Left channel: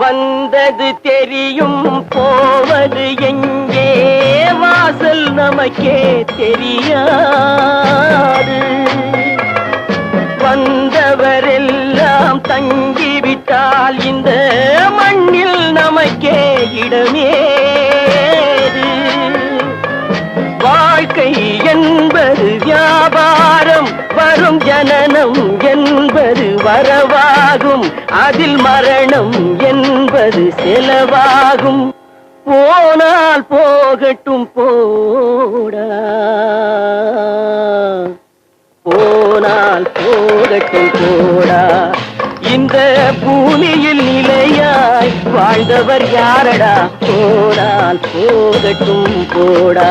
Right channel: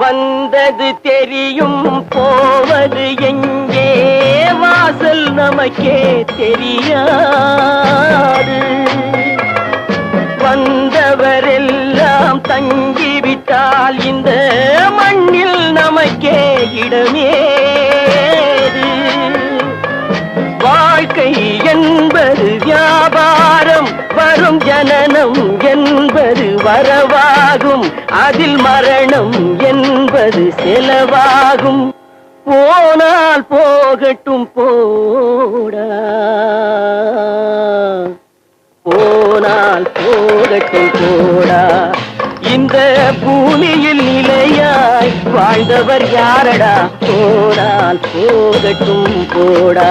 வந்தது தெரியும் போவது எங்கே வாசல் நமக்கே தெரியாது. வந்தவரெல்லாம் தங்கிவிட்டால் இந்த மண்ணில் நமக்கே இடமேது. வாழ்க்கை என்பது வியாபாரம், வரும் ஜனனம் என்பது வரவாகும், அதில் மரணம் என்பது செலவாகும். போனால் போகட்டும் போடா, போனால் போகட்டும் போடா. இந்த பூமியில் நிலையாய் வாழ்ந்தவர் யாரடா? போனால் போகட்டும் போடா.